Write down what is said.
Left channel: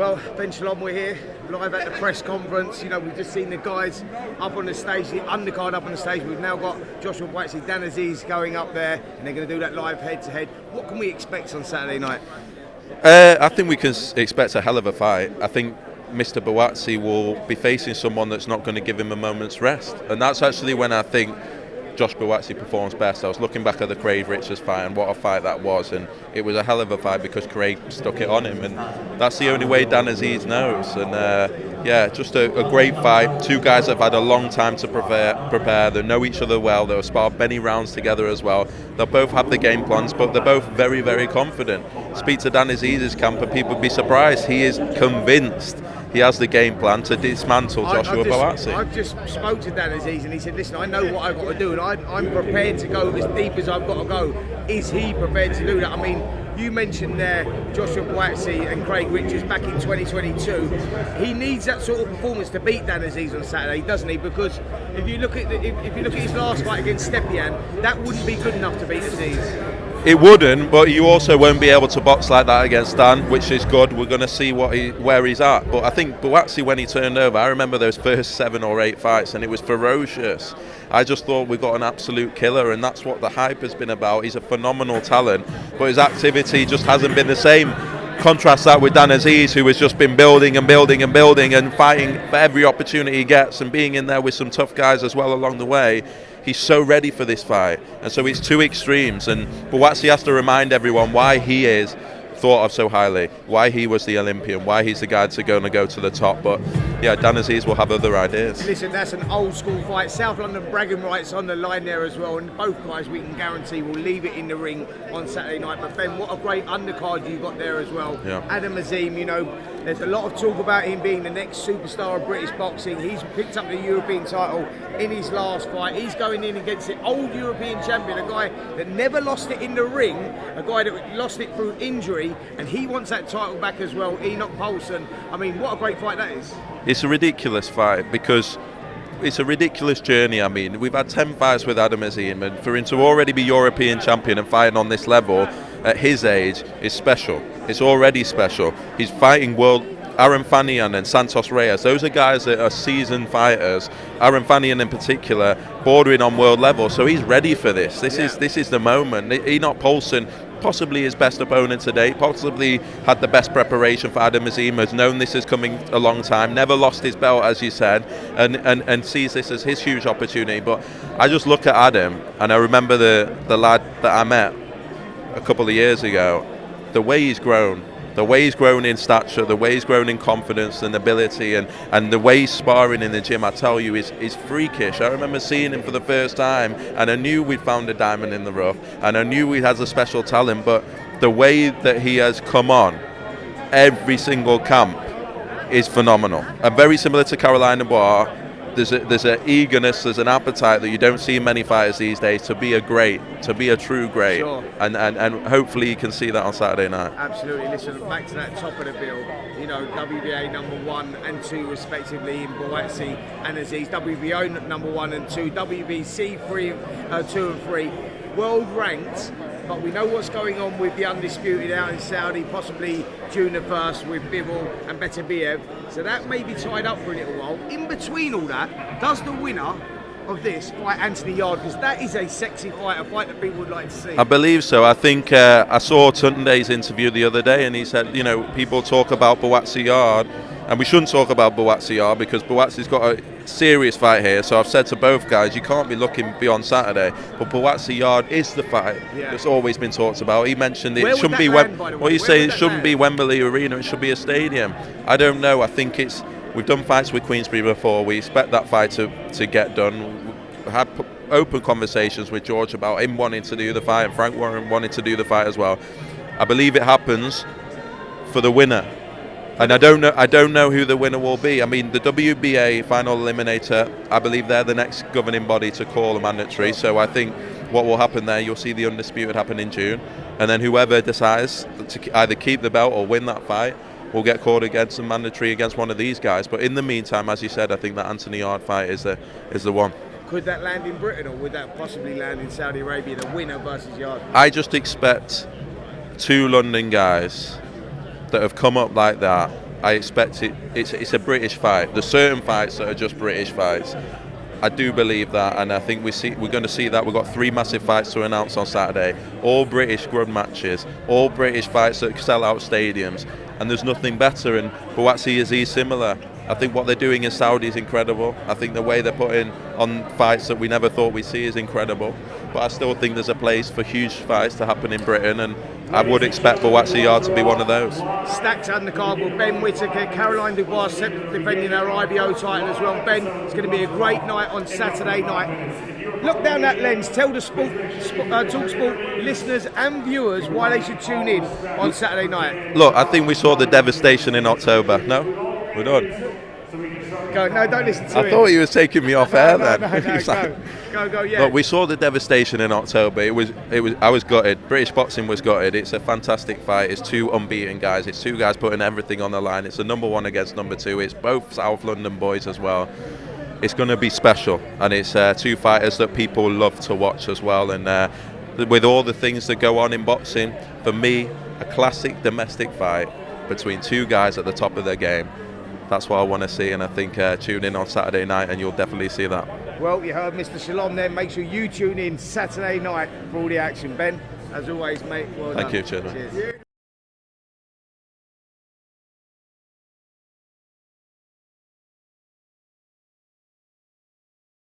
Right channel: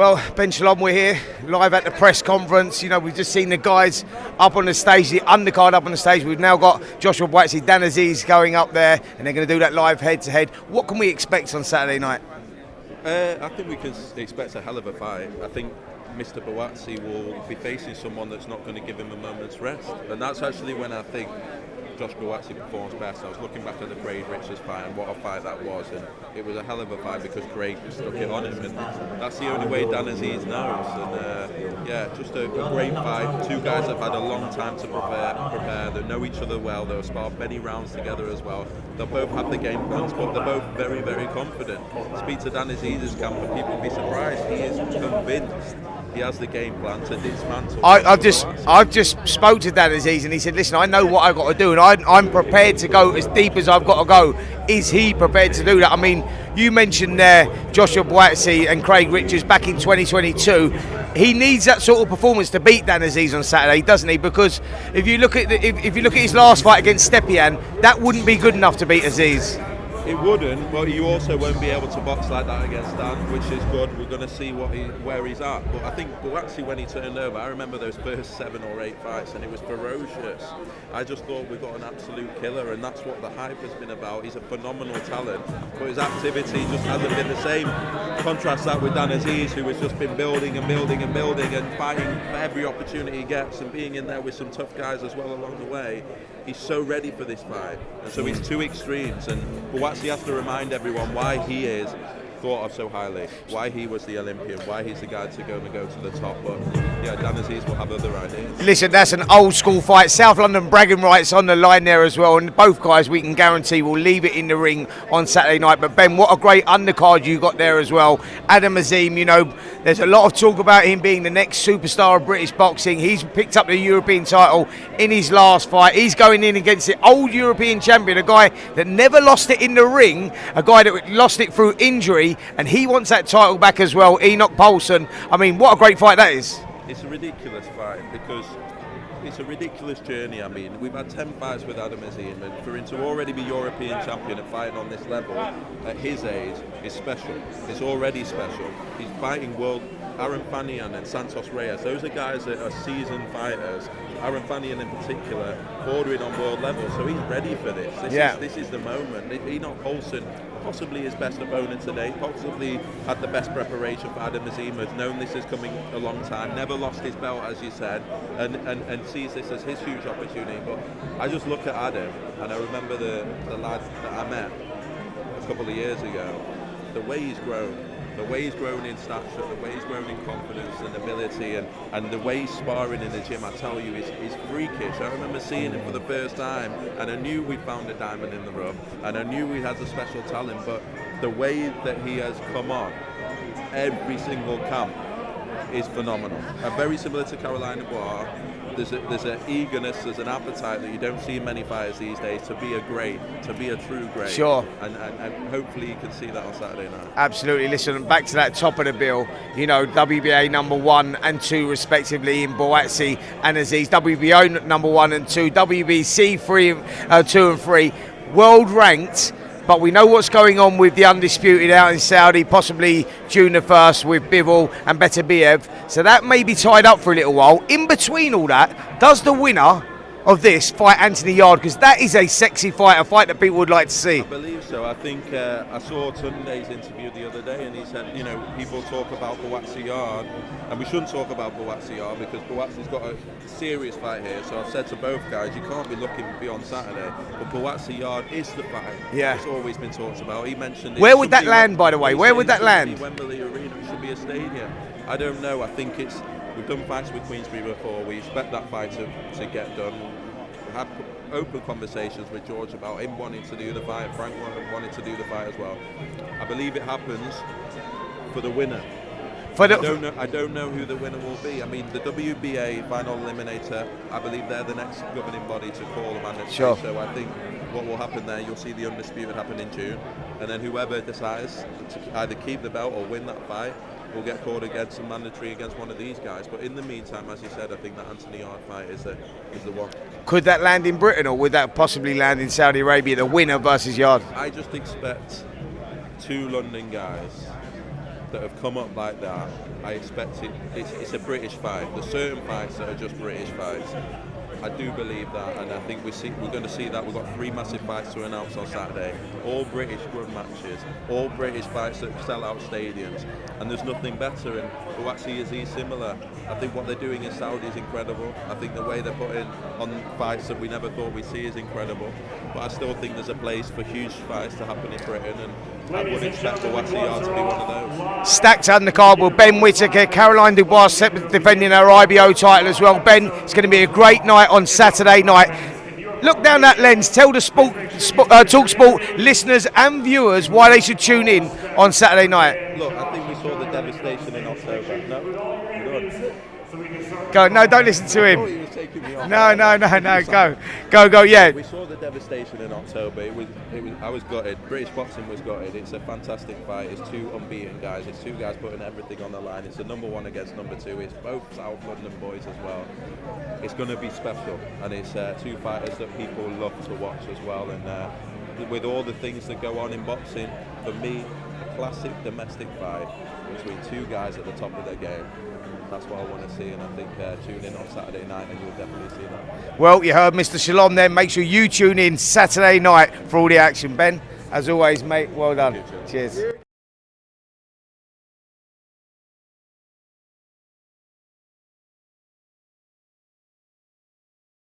Well, Ben Shalom, we're here live at the press conference. You know, we've just seen the guys up on the stage, the undercard up on the stage. We've now got Joshua Buatsi, Dan Azeez going up there, and they're going to do that live head-to-head. What can we expect on Saturday night? I think we can expect a hell of a fight. I think Mr. Buatsi will be facing someone that's not going to give him a moment's rest. And that's actually when I think Josh Buatsi performs best. I was looking back at the Craig Richards fight and what a fight that was, and it was a hell of a fight because Craig stuck it on him, and that's the only way Dan Azeez knows. And yeah, just a great fight. Two guys that have had a long time to prepare. They know each other well. They've sparred many rounds together as well. They'll both have the game plans, but they're both very, very confident. Speak to Dan Azeez's camp and people would be surprised. He is convinced he has the game plan to dismantle Buatsi. I've just spoke to Dan Azeez and he said, listen, I know what I've got to do and I'm prepared to go as deep as I've got to go. Is he prepared to do that? I mean, you mentioned there Joshua Buatsi and Craig Richards back in 2022. He needs that sort of performance to beat Dan Azeez on Saturday, doesn't he? Because if you look at his last fight against Stepien, that wouldn't be good enough to beat Azeez. It wouldn't, but you also won't be able to box like that against Dan, which is good. We're going to see where he's at. But I think Buatsi, when he turned over, I remember those first 7 or 8 fights, and it was ferocious. I just thought we got an absolute killer, and that's what the hype has been about. He's a phenomenal talent, but his activity just hasn't been the same. Contrast that with Dan Azeez, who has just been building and building and building and fighting for every opportunity he gets and being in there with some tough guys as well along the way. He's so ready for this fight, and so it's two extremes, and Buatsi has to remind everyone why he is thought of so highly, why he was the Olympian, why he's the guy to go to the top. But yeah, Dan Azeez will have other ideas. Listen, that's an old school fight. South London bragging rights on the line there as well, and both guys we can guarantee will leave it in the ring on Saturday night. But Ben, what a great undercard you got there as well. Yeah. Adam Azeez, you know, there's a lot of talk about him being the next superstar of British boxing. He's picked up the European title in his last fight. He's going in against the old European champion, a guy that never lost it in the ring, a guy that lost it through injury, and he wants that title back as well, Enoch Paulson. I mean, what a great fight that is. It's a ridiculous fight because it's a ridiculous journey. I mean, we've had 10 fights with Adam Azeez, and for him to already be European champion and fighting on this level at his age is special. It's already special. He's fighting Aaron Fanian and Santos Reyes. Those are guys that are seasoned fighters. Aaron Fanian in particular, bordering on world level. So he's ready for this. This is the moment. Enoch Paulson, possibly his best opponent today, possibly had the best preparation for Adam Azeez, has known this is coming a long time, never lost his belt, as you said, and sees this as his huge opportunity. But I just look at Adam, and I remember the lad that I met a couple of years ago, the way he's grown in stature, the way he's grown in confidence and ability, and the way he's sparring in the gym, I tell you, is freakish. I remember seeing him for the first time, and I knew we'd found a diamond in the rough, and I knew he has a special talent, but the way that he has come on every single camp is phenomenal. And very similar to Carolina Bar, there's an eagerness, there's an appetite that you don't see in many fighters these days to be a true great. Sure. And hopefully you can see that on Saturday night. Absolutely. Listen, back to that top of the bill, you know, WBA number 1 and 2 respectively in Buatsi and Azeez, WBO number 1 and 2, WBC 2 and 3, world ranked. But we know what's going on with the undisputed out in Saudi, possibly June the 1st with Bivol and Beterbiev. So that may be tied up for a little while. In between all that, does the winner of this fight Anthony Yarde? Because that is a sexy fight, a fight that people would like to see. I believe so. I think I saw Tunde's interview the other day, and he said, you know, people talk about Buatsi Yarde, and we shouldn't talk about Buatsi Yarde because Buatsi's got a serious fight here. So I've said to both guys, you can't be looking beyond Saturday. But Buatsi Yarde is the fight. Yeah. It's always been talked about. He mentioned it. Where would that land, by the way? Where would that land? It shouldn't be Wembley Arena. It should be a stadium. I don't know. I think it's. We've done fights with Queensberry before. We expect that fight to get done. We had open conversations with George about him wanting to do the fight, and Frank Warren wanting to do the fight as well. I believe it happens for the winner. And I don't know who the winner will be. I mean, the WBA final eliminator, I believe they're the next governing body to call a mandatory. Sure. So I think what will happen there, you'll see the undisputed happen in June, and then whoever decides to either keep the belt or win that fight will get called against a mandatory against one of these guys. But in the meantime, as you said, I think that Anthony Yarde fight is the one. Could that land in Britain, or would that possibly land in Saudi Arabia, the winner versus Yarde? I just expect 2 London guys that have come up like that I expect it. It's a British fight. There's certain fights that are just British fights. I do believe that, and I think we're going to see that. We've got 3 massive fights to announce on Saturday. All British grud matches, all British fights that sell out stadiums, and there's nothing better. And Buatsi Azeez similar. I think what they're doing in Saudi is incredible. I think the way they're putting on fights that we never thought we'd see is incredible. But I still think there's a place for huge fights to happen in Britain, and I would expect Buatsi to be one of those. Stacked undercard with Ben Whittaker, Caroline Dubois defending her IBO title as well. Ben, it's going to be a great night on Saturday night. Look down that lens, tell the talkSPORT listeners and viewers why they should tune in on Saturday night. Look, I think we saw the devastation in October. No? We're done. Go, no, don't listen to him. I thought he was taking me off air. No, go, yeah. But we saw the devastation in October. I was gutted. British boxing was gutted. It's a fantastic fight. It's 2 unbeaten guys. It's 2 guys putting everything on the line. It's a number 1 against number 2. It's both South London boys as well. It's going to be special, and it's 2 fighters that people love to watch as well. And with all the things that go on in boxing, for me, a classic domestic fight between 2 guys at the top of their game. That's what I want to see, and I think tune in on Saturday night and you'll definitely see that. Well, you heard Mr. Shalom then. Make sure you tune in Saturday night for all the action. Ben, as always, mate, well done. Thank you, cheers. Cheers.